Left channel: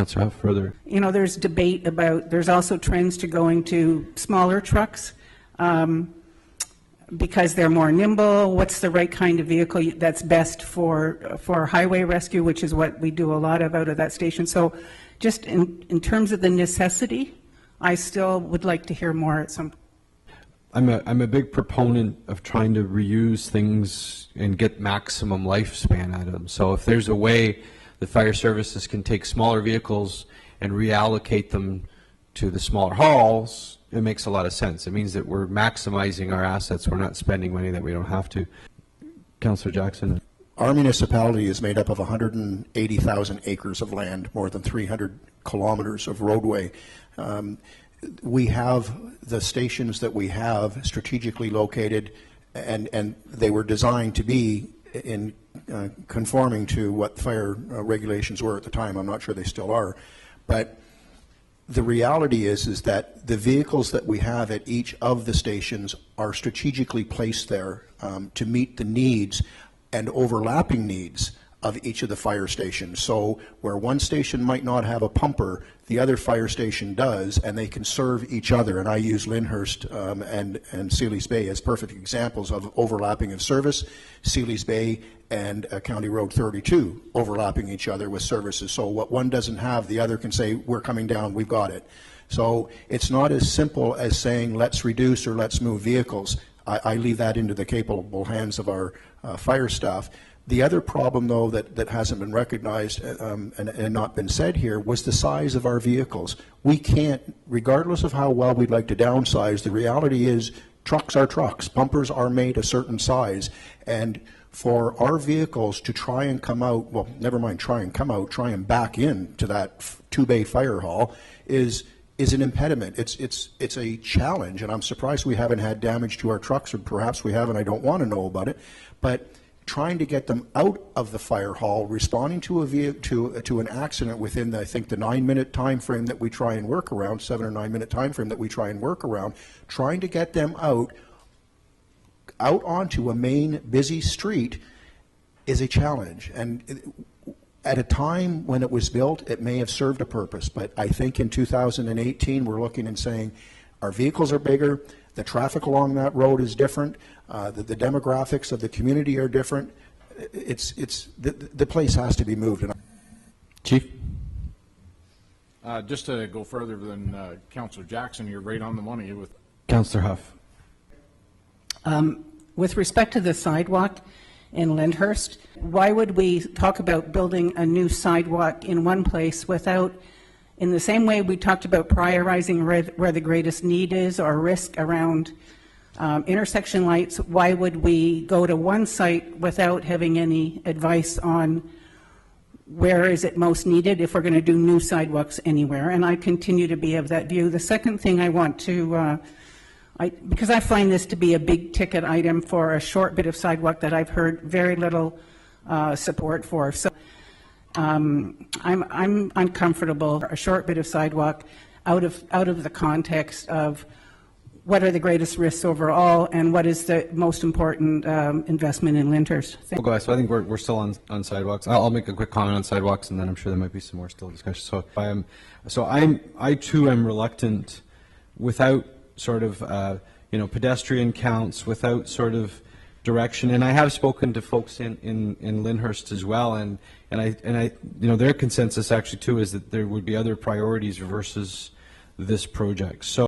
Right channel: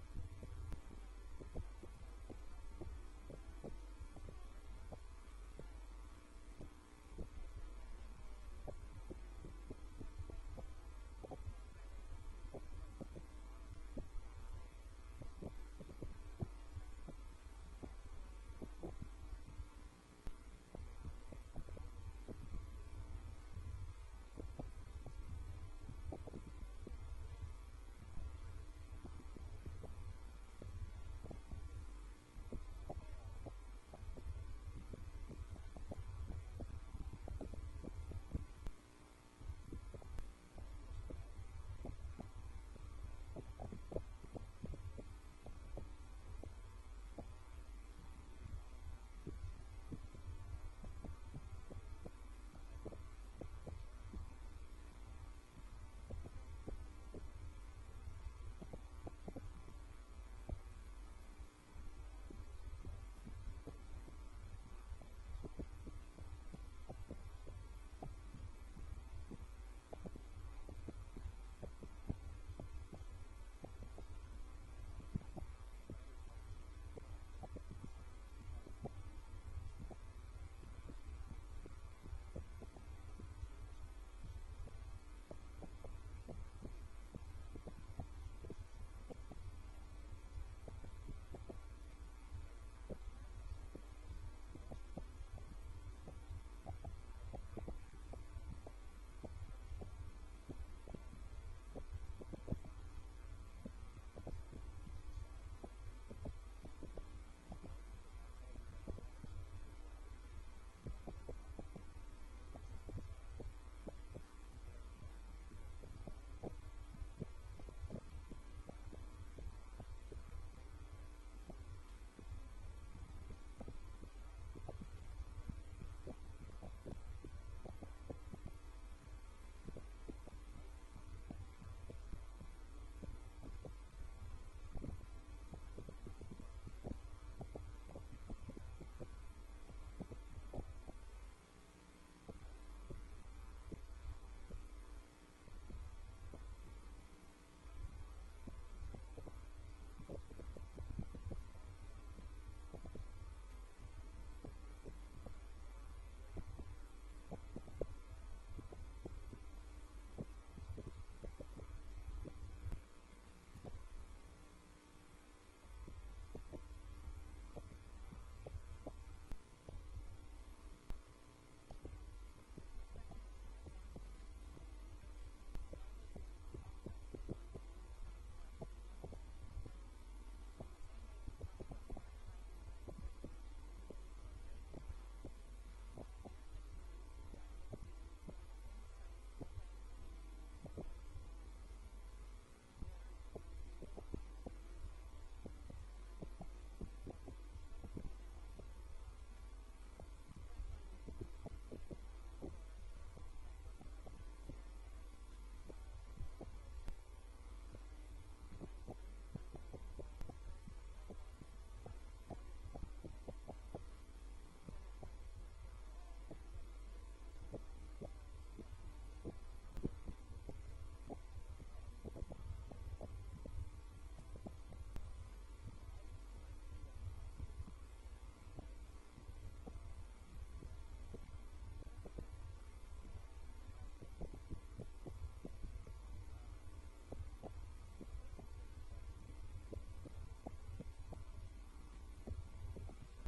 Councillor Huff, further. You know, there's debate about, there's also trends to going to smaller trucks because they're more nimble. What's the right kind of vehicle that's best for highway rescue, which is what we do a lot of out of that station. So just in terms of the necessity, I still would like to hear more at some point. I'm a big proponent of trying to reuse things and get maximum lifespan out of them. So if there's a way the fire services can take smaller vehicles and reallocate them to the smaller hauls, it makes a lot of sense. It means that we're maximizing our assets. We're not spending money that we don't have to. Councillor Jackson. Our municipality is made up of 180,000 acres of land, more than 300 kilometers of roadway. We have the stations that we have strategically located, and they were designed to be in conforming to what fire regulations were at the time. I'm not sure they still are, but the reality is that the vehicles that we have at each of the stations are strategically placed there to meet the needs and overlapping needs of each of the fire stations. So where one station might not have a pumper, the other fire station does, and they can serve each other. And I use Lyndhurst and Sealy's Bay as perfect examples of overlapping of service. Sealy's Bay and County Road 32 overlapping each other with services. So what one doesn't have, the other can say, we're coming down, we've got it. So it's not as simple as saying, let's reduce or let's move vehicles. I leave that into the capable hands of our fire staff. The other problem, though, that hasn't been recognized and not been said here was the size of our vehicles. We can't, regardless of how well we'd like to downsize, the reality is trucks are trucks. Pumpers are made a certain size. And for our vehicles to try and come out, well, never mind try and come out, try and back in to that two-bay fire hall is an impediment. It's a challenge, and I'm surprised we haven't had damage to our trucks, or perhaps we haven't. I don't want to know about it. But trying to get them out of the fire hall, responding to an accident within, I think, the 9-minute time frame that we try and work around, 7 or 9 minute time frame that we try and work around, trying to get them out onto a main busy street is a challenge. And at a time when it was built, it may have served a purpose, but I think in 2018 we're looking and saying our vehicles are bigger, the traffic along that road is different, the demographics of the community are different. The place has to be moved. Chief? Just to go further than Councillor Jackson, you're right on the money with Councillor Huff. With respect to the sidewalk in Lyndhurst, why would we talk about building a new sidewalk in one place without, in the same way we talked about prioritizing where the greatest need is or risk around intersection lights, why would we go to one site without having any advice on where is it most needed if we're going to do new sidewalks anywhere? And I continue to be of that view. The second thing I want to because I find this to be a big ticket item for a short bit of sidewalk that I've heard very little support for. So I'm uncomfortable a short bit of sidewalk out of the context of what are the greatest risks overall and what is the most important investment in Lyndhurst. Well, guys, so I think we're still on sidewalks. I'll make a quick comment on sidewalks, and then I'm sure there might be some more still discussion. So I too am reluctant, without sort of pedestrian counts, without sort of direction. And I have spoken to folks in Lyndhurst as well, and I their consensus actually too is that there would be other priorities versus this project. So